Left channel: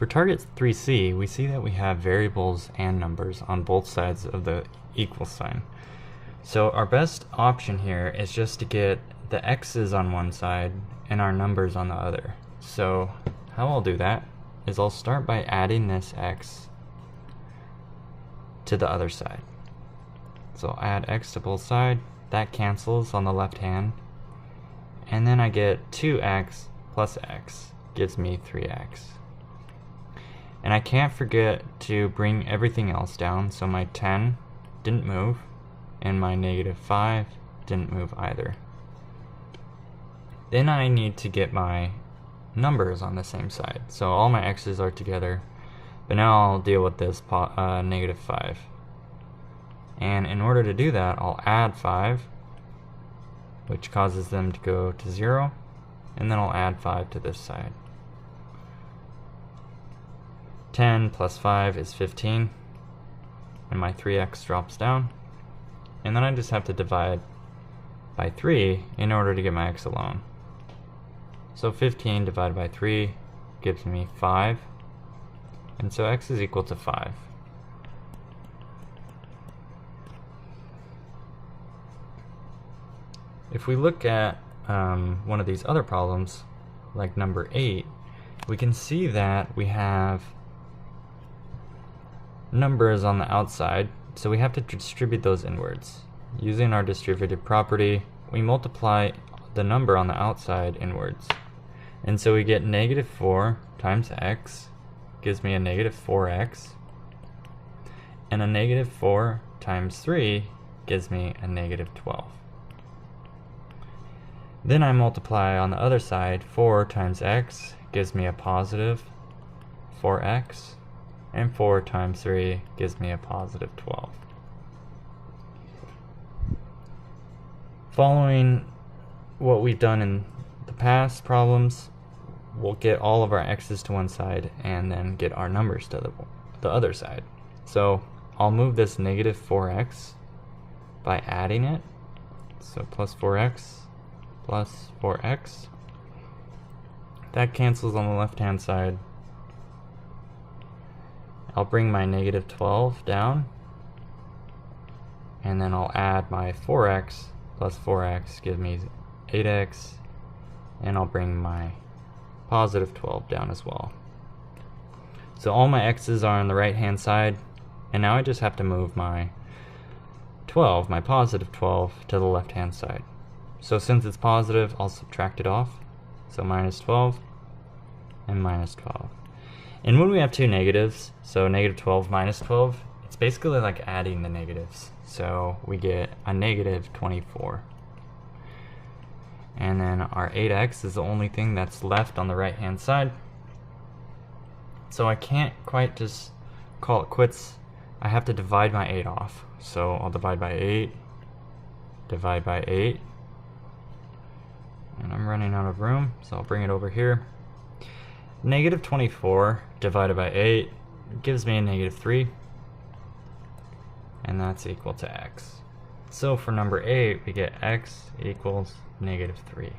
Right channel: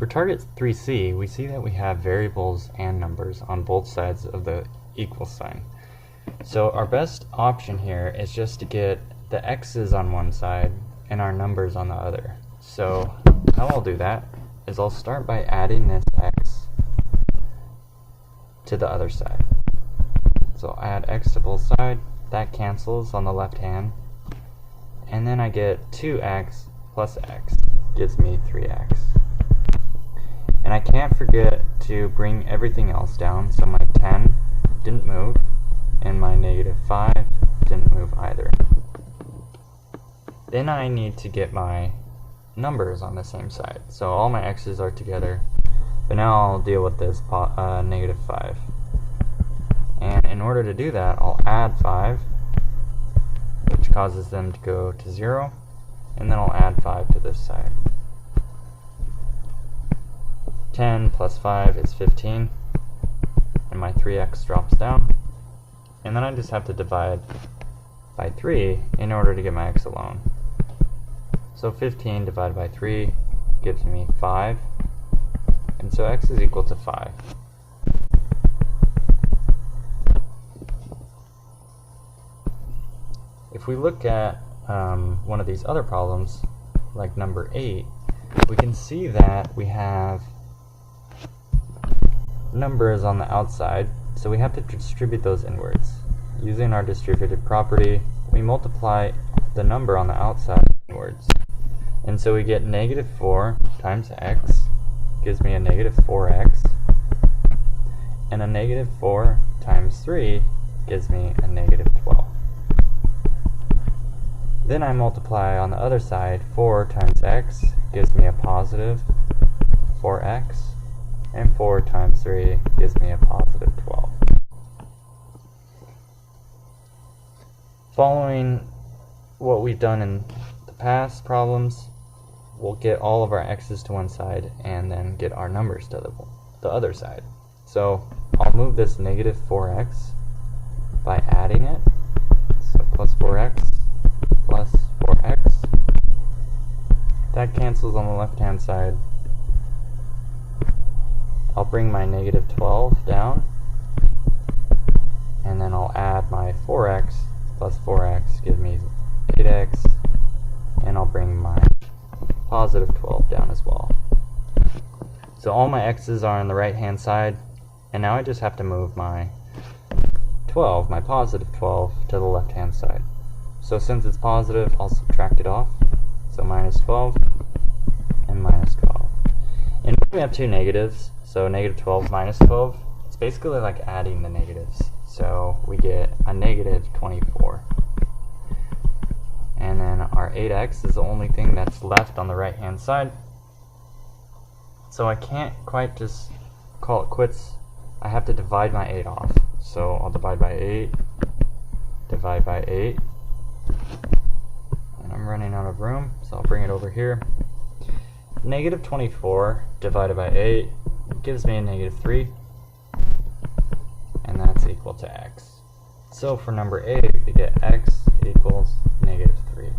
For target 3C, we see that we have variables and numbers on both sides of the equal sign. So our best option here is just to get the x's on one side and our numbers on the other. So how I'll do that is I'll start by adding this x to the other side. So I'll add x to both sides, that cancels on the left hand, and then I get 2x plus x gives me 3x. And I can't forget to bring everything else down, so my 10 didn't move, and my -5 didn't move either. Then I need to get my numbers on the same side. So all my x's are together, but now I'll deal with this -5. And in order to do that, I'll add 5, which causes them to go to 0, and then I'll add 5 to this side. 10 plus 5 is 15, and my 3x drops down, and then I just have to divide by 3 in order to get my x alone. So 15 divided by 3 gives me 5, and so x is equal to 5. If we look at one of these other problems, like number 8, we can see that we have numbers on the outside, so we have to distribute those inwards. Using our distributive property, we multiply the number on the outside inwards. And so we get -4 times x gives me a -4x, and a -4 times 3 gives me a -12. Then I multiply on the other side, 4 times x gives me a positive 4x, and 4 times 3 gives me a positive 12. Following what we've done in the past problems, we'll get all of our x's to one side and then get our numbers to the other side. So I'll move this -4x by adding it. So plus 4x plus 4x. That cancels on the left hand side. I'll bring my -12 down, and then I'll add my 4x plus 4x, give me 8x, and I'll bring my positive 12 down as well. So all my x's are on the right hand side, and now I just have to move my 12, my positive 12, to the left hand side. So since it's positive, I'll subtract it off. So -12 and -12. And when we have two negatives, so -12 minus 12, it's basically like adding the negatives. So we get a -24. And then our 8x is the only thing that's left on the right hand side. So I can't quite just call it quits. I have to divide my 8 off. So I'll divide by 8, divide by 8. And I'm running out of room, so I'll bring it over here. -24 divided by 8 gives me a -3, and that's equal to x. So for number 8, we get x equals -3.